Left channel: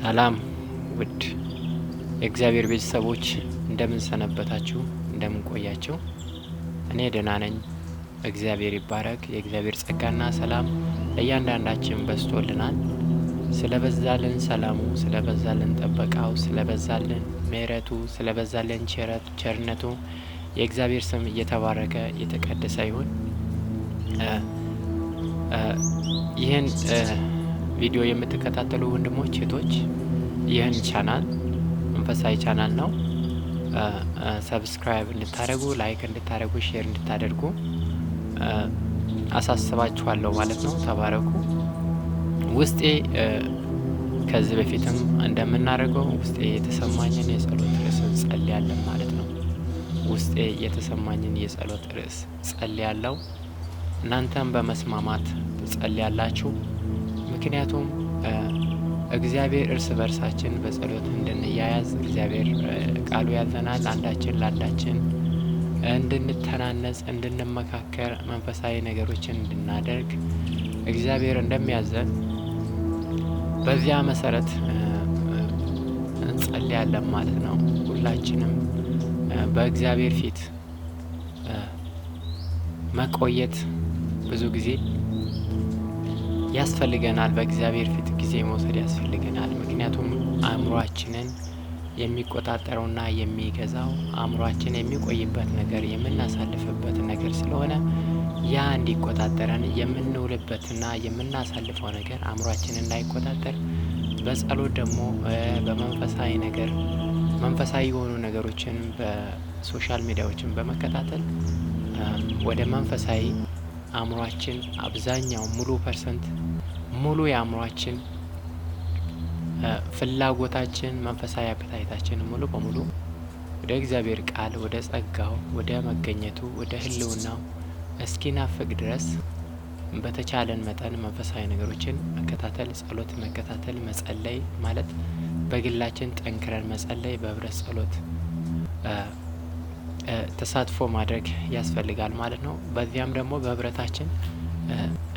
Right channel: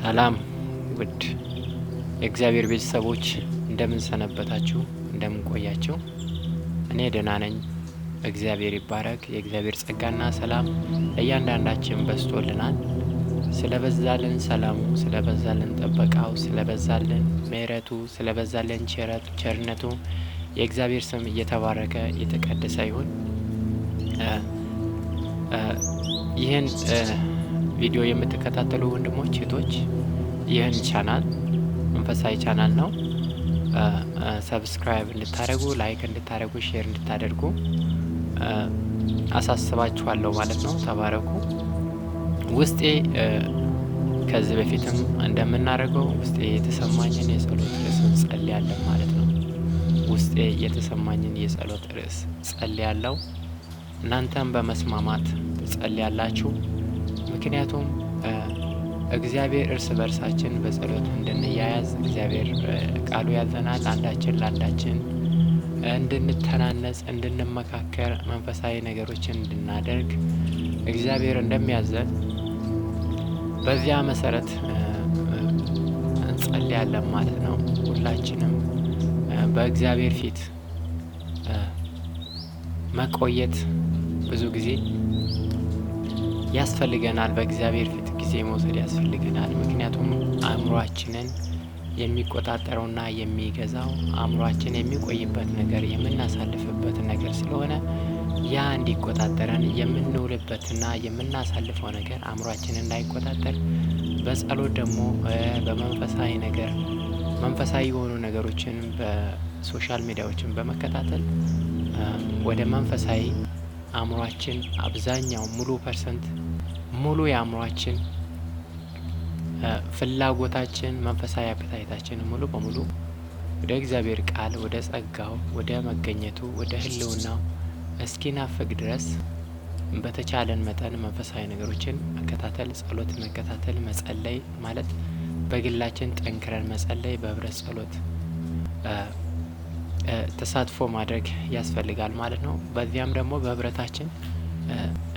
ሰላም ውድ የእግዚአብሔር ቤተሰቦች እንደምን ሰነበታችሁ? እንደምን ቆያችሁ? እኔ ደህና ነኝ። እግዚአብሔር ይባረክ። የእግዚአብሔር ጸጋና ሰላም ለእያንዳንዳችን በዝቶልናል። ስለበዛልን ሰላሙ፣ ስለበዛልን ጥበቃው፣ ስለበዛልን ምሕረቱ፣ ስለበዛልን ቸርነቱ የእግዚአብሔር ስም እየተባረከ የተቀደሰ ይሁን። ይህን ቪዲዮ የምትከታተሉ ወንድሞች እህቶች፣ ይህን ቻናል መንፈሳዊ ቻናል ነው። ሰብስክራይብ እንድታደርጉ፣ ላይክ እንድታደርጉ፣ ሼር እንድታደርጉ አሳስባችኋለሁ ማለት ነው። ተባረኩ። ውስጤ ከዚህ በፊትም እንደምናደርገው ውስጤ የተሰማኝን የጸሎት ርዕስ ጸልያለሁ ማለት ነው። ውስጤ የተሰማኝን የጸሎት ርዕስ ጸልያለሁ። እናንተም በመስማማት ትጸልያላችሁ። ምክንያቱም እግዚአብሔር እርስ በርሳችን በጸሎት እንድንያያዝ እግዚአብሔር ቃሉ ያዘናል። አንዳችን ለአንዳችን እንድንተናነጽ፣ እንድንመካከር፣ መንፈሳዊ ነገሮችን እንድናደርግ እግዚአብሔር እንደሚያዘን በዚያ መሰረት እንጸልያለን ማለት ነው። ሁላችንም በእግዚአብሔር ፊት መቆየት ብዙ ጊዜ ያስፈልገናል። በእግዚአብሔር ፊት ጊዜ መውሰድ ያስፈልገናል። ምክንያቱም አእምሯችንን የሚቆጣጠረውና የሚገዛው አእምሯችን የሚቆይበት ነገር የምናሳልፍበት ነገር ስለሆነ ያ እንዲቆጣጠረን የምንውልበትና የምናሳልፈው ነገር አእምሯችንን እንዳይቆጣጠር በጸሎት ደግሞ በመንፈሳዊ ነገር መንፈሳዊ የሆኑ ነገሮችን በሶሻል ሚዲያዎችን በመከታተል ወደ መንፈሳዊ አእምሯችን አብዛኛው ሙሉ የአእምሯችን ፍላጎታችን መንፈሳዊ አፕታይታችን ሙሉ በሙሉ ወደ እግዚአብሔር ቃል፣ ወደ ጸጋው፣ ወደ መገኘቱ፣ ወደ ሕልውናው እስኪናፍቅ ድረስ በተቻለን መጠን መንፈሳዊ ነገሮችን መከታተል፣ ጸሎት መከታተል፣ መጸለይ ማለት በግላችን ጠንክረን መጸለይ፣ በህብረት ጸሎት ተሳትፎ ማድረግ ያስፈልጋል ማለት ነው። በዚያም ደግሞ በህብረታችን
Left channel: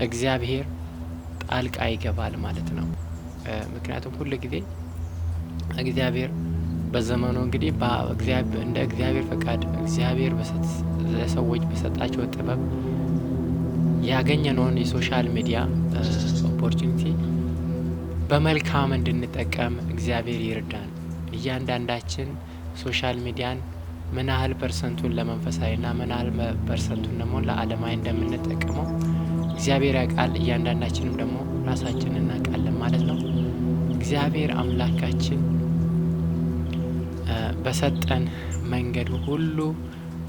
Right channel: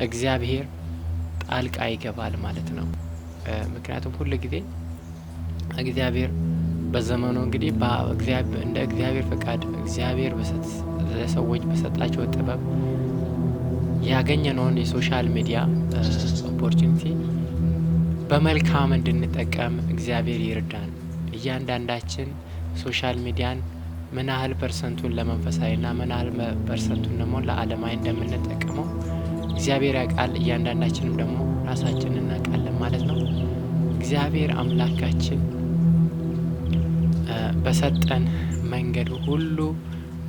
እግዚአብሔር ጣልቃ ይገባል ማለት ነው። ምክንያቱም ሁሉ ጊዜ እግዚአብሔር በዘመኑ እንግዲህ እንደ እግዚአብሔር ፈቃድ እግዚአብሔር ለሰዎች በሰጣቸው ጥበብ ያገኘነውን የሶሻል ሚዲያ ኦፖርቹኒቲ በመልካም እንድንጠቀም እግዚአብሔር ይርዳን። እያንዳንዳችን ሶሻል ሚዲያን ምን ያህል ፐርሰንቱን ለመንፈሳዊና ምን ያህል ፐርሰንቱን ደግሞ ለዓለማዊ እንደምንጠቀመው እግዚአብሔር ያውቃል። እያንዳንዳችንም ደግሞ ራሳችን እናውቃለን ማለት ነው። እግዚአብሔር አምላካችን በሰጠን መንገድ ሁሉ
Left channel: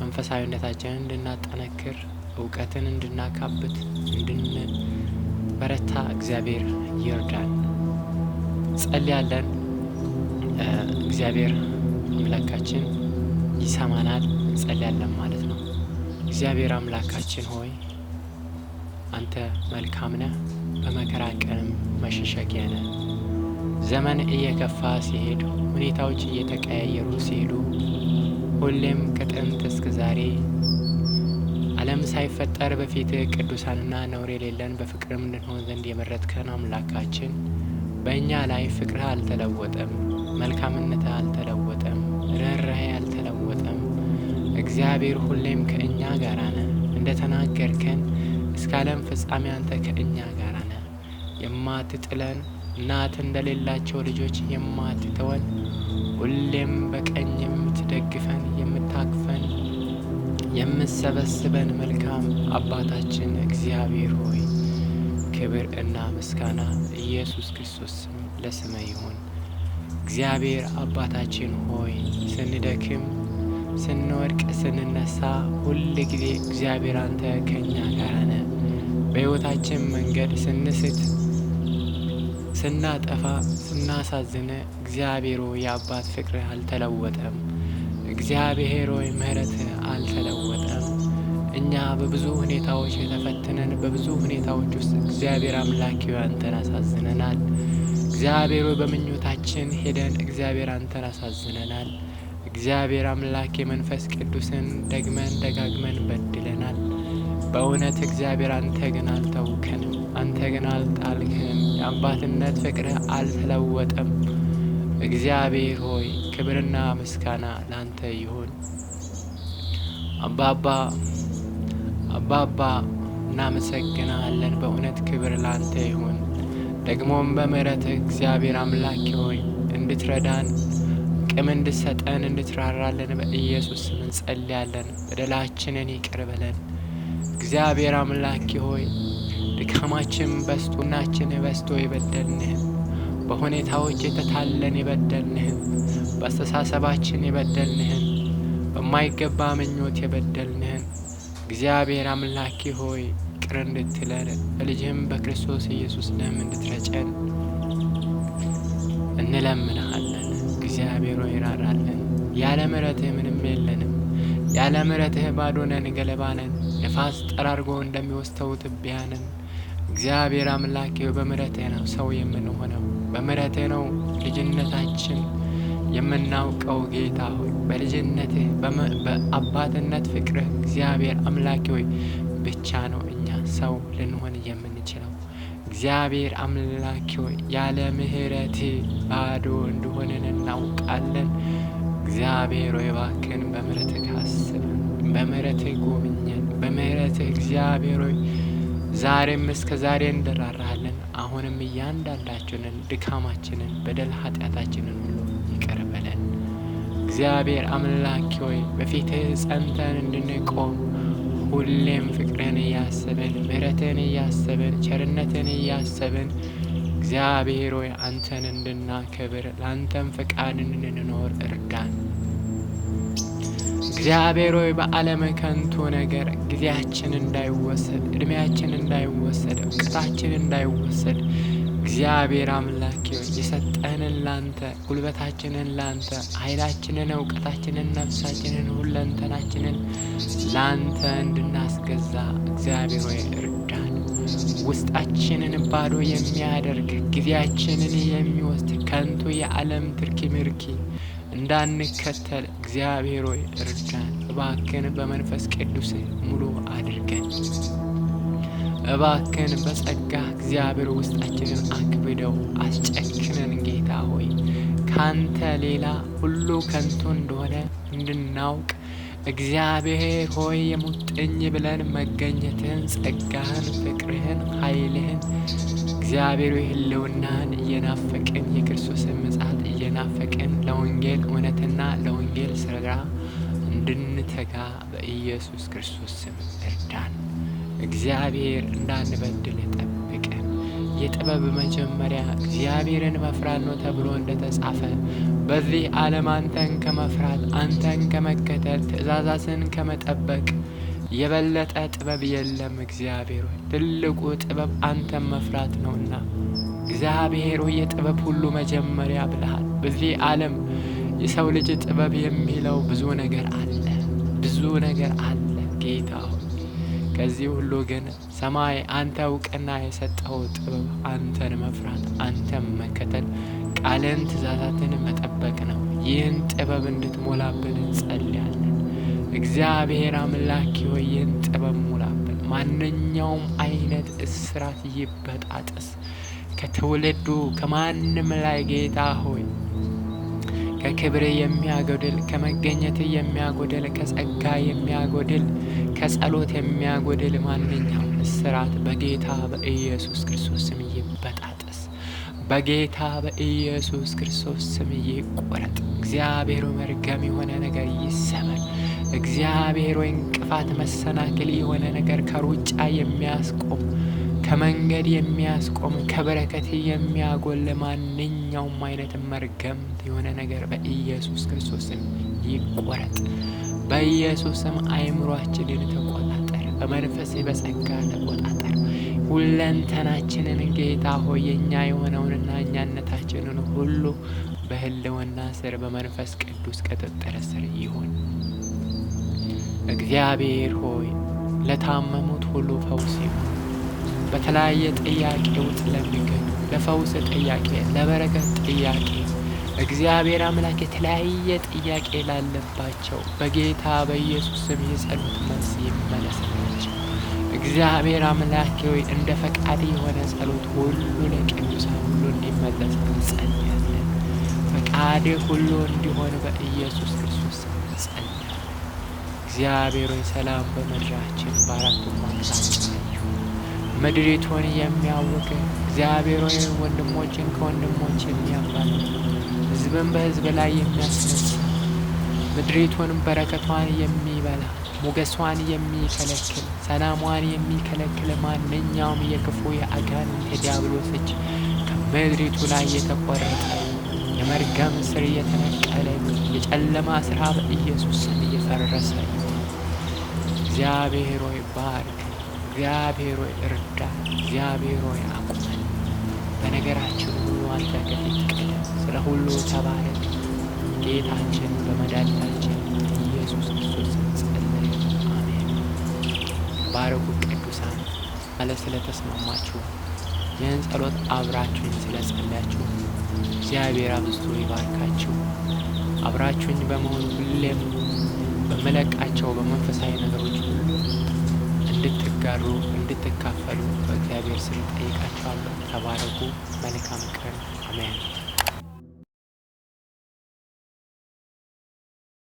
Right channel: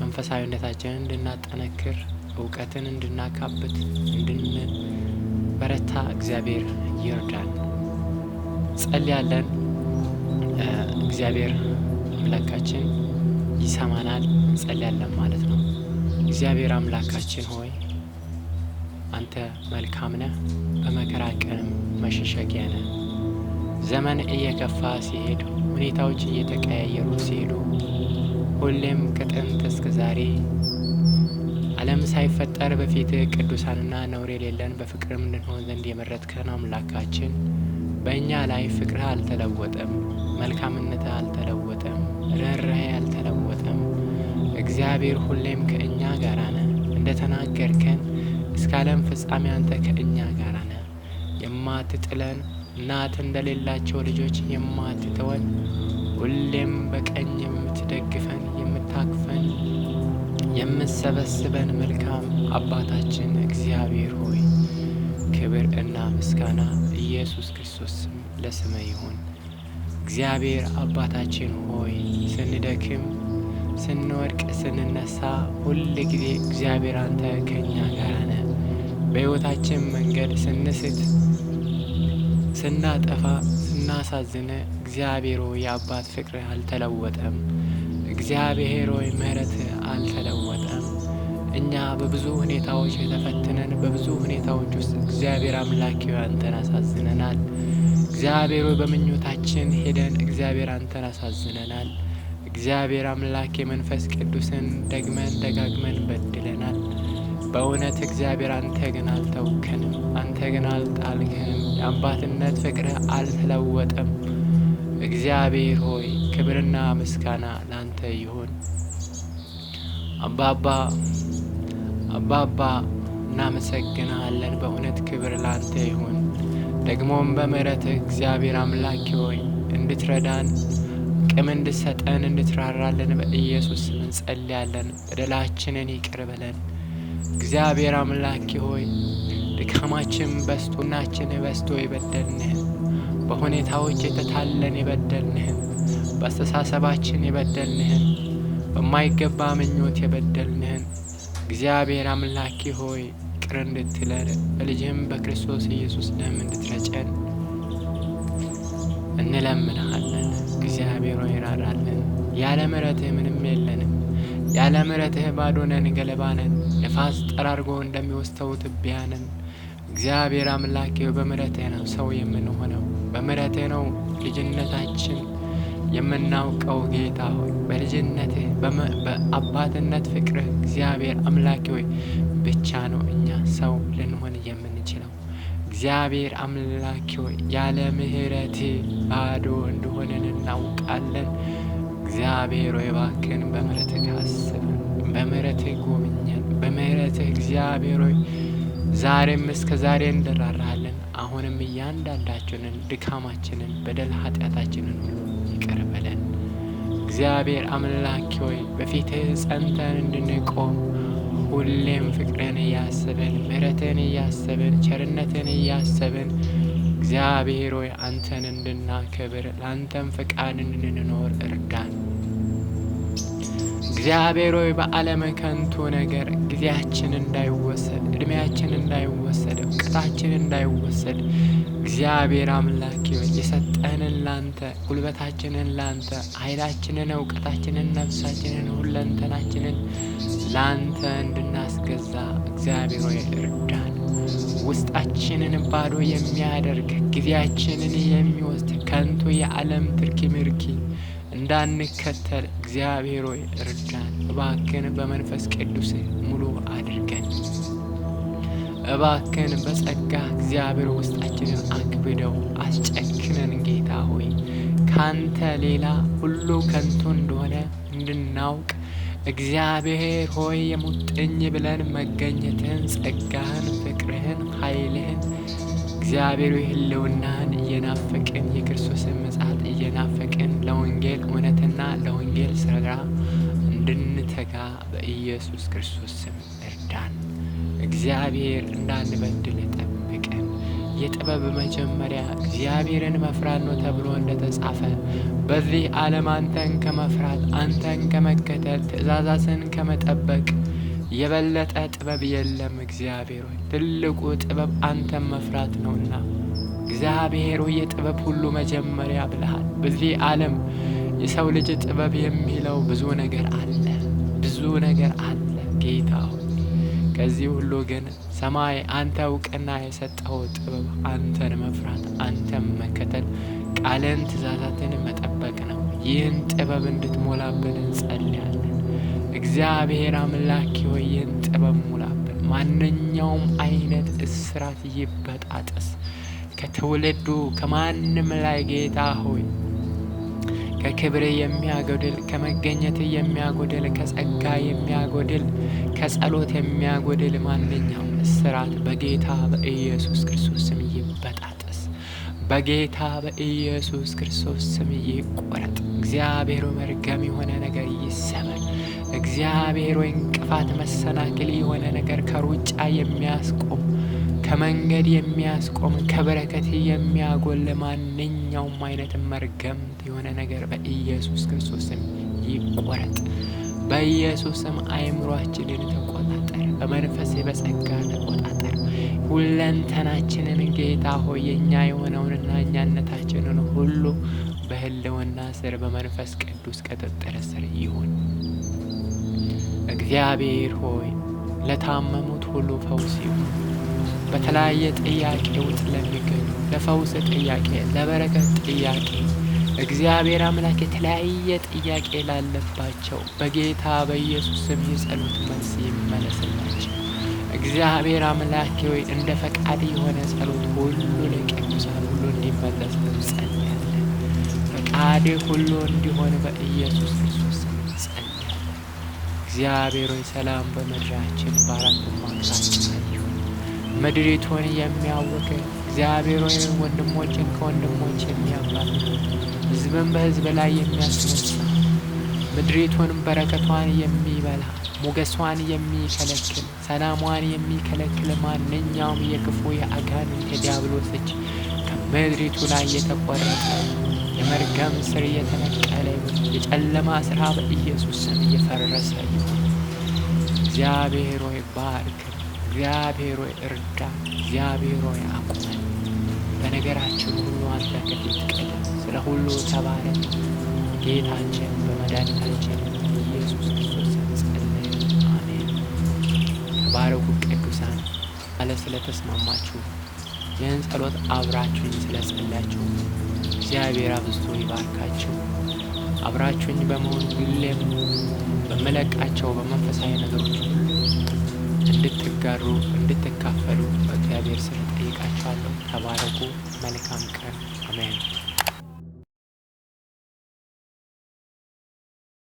መንፈሳዊነታችንን እንድናጠነክር፣ እውቀትን እንድናካብት፣ እንድንበረታ እግዚአብሔር ይርዳን። ጸልያለን። እግዚአብሔር አምላካችን ይሰማናል። እንጸልያለን ማለት ነው። እግዚአብሔር አምላካችን ሆይ አንተ መልካም ነህ፣ በመከራ ቀንም መሸሸጊያ ነህ። ዘመን እየከፋ ሲሄድ፣ ሁኔታዎች እየተቀያየሩ ሲሄዱ፣ ሁሌም ከጥንት እስከ ዛሬ ዓለም ሳይፈጠር በፊት ቅዱሳንና ነውር የሌለን በፍቅርም እንድንሆን ዘንድ የመረጥከን አምላካችን በእኛ ላይ ፍቅርህ አልተለወጠም፣ መልካምነትህ አልተለወጠም፣ ርኅራኄ አልተለወጠም። እግዚአብሔር ሁሌም ከእኛ ጋር ነህ። እንደተናገርከን እስከ ዓለም ፍጻሜ አንተ ከእኛ ጋር ነህ። የማትጥለን እናት እንደሌላቸው ልጆች የማትተወን፣ ሁሌም በቀኝ የምትደግፈን፣ የምታቅፈን፣ የምትሰበስበን መልካም አባታችን እግዚአብሔር ሆይ ክብር እና ምስጋና ኢየሱስ ክርስቶስ ለስምህ ይሁን። እግዚአብሔር አባታችን ሆይ ስንደክም፣ ስንወድቅ፣ ስንነሳ ሁል ጊዜ እግዚአብሔር አንተ ከእኛ ጋር ነህ። በሕይወታችን መንገድ ስንስት፣ ስናጠፋ፣ ስናሳዝነ እግዚአብሔር ሆይ የአባት ፍቅርህ አልተለወጠም። እግዚአብሔር ሆይ ምሕረትህ አልተለወጠም። እኛ በብዙ ሁኔታዎች ተፈትነን በብዙ ሁኔታዎች ውስጥ እግዚአብሔር አምላክ አንተን አሳዝነናል። እግዚአብሔር ሆይ በምኞታችን ሄደን እግዚአብሔር አንተን አሳዝነናል። እግዚአብሔር አምላክ የመንፈስ ቅዱስን ደጋግመን በድለናል። በእውነት እግዚአብሔር አንተ ግን አልተውከንም፣ አንተ ግን አልጣልከንም። የአባትነት ፍቅርህ አልተለወጠም። እግዚአብሔር ሆይ ክብርና ምስጋና ላንተ ይሁን። አባባ እናመሰግናለን። በእውነት ክብር ላንተ ይሁን። ደግሞም በምሕረትህ እግዚአብሔር አምላክ ሆይ እንድትረዳን አቅም እንድትሰጠን እንድትራራለን በኢየሱስ ስም እንጸልያለን። በደላችንን ይቅር በለን እግዚአብሔር አምላክ ሆይ። ድካማችን በስቶናችን በስቶ የበደልንህን፣ በሁኔታዎች የተታለን የበደልንህን፣ በአስተሳሰባችን የበደልንህን፣ በማይገባ ምኞት የበደልንህን እግዚአብሔር አምላክ ሆይ ይቅር እንድትለን በልጅህም በክርስቶስ ኢየሱስ ደም እንድትረጨን እንለምንሃለን። እግዚአብሔር ሆይ ራራልን። ያለ ምሕረትህ ምንም የለንም። ያለ ምሕረትህ ባዶ ነን፣ ገለባ ነን፣ ነፋስ ጠራርጎ እንደሚወስደው ትቢያ ነን። እግዚአብሔር አምላክ ሆይ በምሕረትህ ነው ሰው የምንሆነው። በምሕረትህ ነው ልጅነታችን የምናውቀው። ጌታ ሆይ በልጅነትህ በአባትነት ፍቅርህ እግዚአብሔር አምላክ ሆይ ብቻ ነው እኛ ሰው ልንሆን የምንችለው። እግዚአብሔር አምላክ ሆይ ያለ ምሕረትህ ባዶ እንደሆነን እናውቃለን። እግዚአብሔር ሆይ እባክህን በምሕረትህ አስበን፣ በምሕረትህ ጎብኘን። በምሕረትህ እግዚአብሔር ሆይ ዛሬም እስከ ዛሬ እንራራለን። አሁንም እያንዳንዳችንን ድካማችንን፣ በደል ኃጢአታችንን ሁሉ ይቅር በለን። እግዚአብሔር አምላክ ሆይ በፊትህ ጸንተን እንድንቆም ሁሌም ፍቅርን እያሰብን፣ ምሕረትን እያሰብን፣ ቸርነትን እያሰብን እግዚአብሔር ሆይ አንተን እንድናከብር ለአንተም ፈቃድ እንድንኖር እርዳን። እግዚአብሔር ሆይ በዓለም ከንቱ ነገር ጊዜያችን እንዳይወሰድ፣ እድሜያችን እንዳይወሰድ፣ እውቀታችን እንዳይወሰድ እግዚአብሔር አምላክ ሆይ የሰጠንን ላንተ፣ ጉልበታችንን ላንተ፣ ኃይላችንን፣ እውቀታችንን፣ ነፍሳችንን፣ ሁለንተናችንን ላንተ እንድናስገዛ እግዚአብሔር ሆይ እርዳን። ውስጣችንን ባዶ የሚያደርግ ጊዜያችንን የሚወስድ ከንቱ የዓለም ትርኪ ምርኪ እንዳንከተል እግዚአብሔር ሆይ እርዳን። እባክን በመንፈስ ቅዱስህ ሙሉ አድርገን። እባክን በጸጋ እግዚአብሔር ውስጣችንን አክብደው አስጨክነን። ጌታ ሆይ ካንተ ሌላ ሁሉ ከንቱ እንደሆነ እንድናውቅ እግዚአብሔር ሆይ የሙጥኝ ብለን መገኘትህን፣ ጸጋህን፣ ፍቅርህን፣ ኃይልህን እግዚአብሔር ሆይ ህልውናህን እየናፈቅን የክርስቶስን ምጽአት እየናፈቅን ለወንጌል እውነትና ለወንጌል ስራ እንድንተጋ በኢየሱስ ክርስቶስ ስም እርዳን። እግዚአብሔር እንዳንበድል ጠብቀን። የጥበብ መጀመሪያ እግዚአብሔርን መፍራት ነው ተብሎ እንደተጻፈ በዚህ ዓለም አንተን ከመፍራት አንተን ከመከተል ትእዛዛትን ከመጠበቅ የበለጠ ጥበብ የለም። እግዚአብሔር ሆይ ትልቁ ጥበብ አንተን መፍራት ነውና እግዚአብሔር ሆይ የጥበብ ሁሉ መጀመሪያ ብለሃል። በዚህ ዓለም የሰው ልጅ ጥበብ የሚለው ብዙ ነገር አለ፣ ብዙ ነገር አለ ጌታ ሆይ። ከዚህ ሁሉ ግን ሰማይ አንተ እውቅና የሰጠው ጥበብ አንተን መፍራት፣ አንተን መከተል፣ ቃልን ትእዛዛትን መጠበቅ ነው። ይህን ጥበብ እንድትሞላብን እንጸልያለን። እግዚአብሔር አምላክ ሆይ ይህን ጥበብ ሙላብን። ማንኛውም አይነት እስራት ይበጣጠስ ከትውልዱ ከማንም ላይ ጌታ ሆይ ከክብር የሚያጎድል፣ ከመገኘት የሚያጎድል፣ ከጸጋ የሚያጎድል፣ ከጸሎት የሚያጎድል ማንኛውም እስራት በጌታ በኢየሱስ ክርስቶስ ስም ይበጣጠስ። በጌታ በኢየሱስ ክርስቶስ ስም ይቆረጥ። እግዚአብሔር መርገም የሆነ ነገር ይሰበር። እግዚአብሔር እንቅፋት መሰናክል የሆነ ነገር ከሩጫ የሚያስቆም ከመንገድ የሚያስቆም ከበረከት የሚያጎል ማንኛውም አይነት መርገምት የሆነ ነገር በኢየሱስ ክርስቶስ ስም ይቆረጥ። በኢየሱስ ስም አእምሯችንን ተቆጣጠር። በመንፈስ በጸጋ ተቆጣጠር። ሁለንተናችንን ጌታ ሆይ የኛ የሆነውንና እኛነታችንን ሁሉ በህልውና ስር በመንፈስ ቅዱስ ቁጥጥር ስር ይሁን። እግዚአብሔር ሆይ ለታመሙት ሁሉ ፈውስ ይሁን። በተለያየ ጥያቄ ውስጥ ለሚገኙ ለፈውስ ጥያቄ፣ ለበረከት ጥያቄ እግዚአብሔር አምላክ የተለያየ ጥያቄ ላለባቸው በጌታ በኢየሱስ ስም የጸሎት መልስ ይመለስላቸው። እግዚአብሔር አምላክ ሆይ እንደ ፈቃድ የሆነ ጸሎት ሁሉ ለቅዱሳን ሁሉ እንዲመለስ እንጸልያለን። ፈቃድ ሁሉ እንዲሆን በኢየሱስ ክርስቶስ ስም ጸልያለሁ። እግዚአብሔር ሆይ ሰላም በምድራችን በአራቱም አቅጣጫ ይሁን። ምድሪቱን የሚያውክ እግዚአብሔር ሆይ ወንድሞችን ከወንድሞች የሚያባላ ሕዝብን በሕዝብ ላይ የሚያስነሳ ምድሪቱን በረከቷን የሚበላ ሞገሷን የሚከለክል ሰላሟን የሚከለክል ማንኛውም የክፉ የአጋንንት የዲያብሎስ እጅ ከምድሪቱ ላይ የተቆረጠ የመርገም ስር የተነቀለ ይሁን። የጨለማ ስራ በኢየሱስ ስም እየፈረሰ ይሁን። እግዚአብሔር ሆይ ባርክ። እግዚአብሔር ሆይ እርዳ። እግዚአብሔር ሆይ አቁመን። በነገራችን ሁሉ አንተ ከፊት ቀደም። ስለ ሁሉ ተባረክ። ጌታችን በመድኃኒታችን ኢየሱስ ክርስቶስ ጸለየ። አሜን። ተባረኩ ቅዱሳን። ማለት ስለተስማማችሁ ይህን ጸሎት አብራችሁኝ ስለጸለያችሁ እግዚአብሔር አብዝቶ ይባርካችሁ። አብራችሁኝ በመሆን ሁሌም በመለቃቸው በመንፈሳዊ ነገሮች ሁሉ እንድትጋሩ እንድትካፈሉ በእግዚአብሔር ስም ጠይቃችኋለሁ። ተባረኩ። መልካም ቀን። አሜን።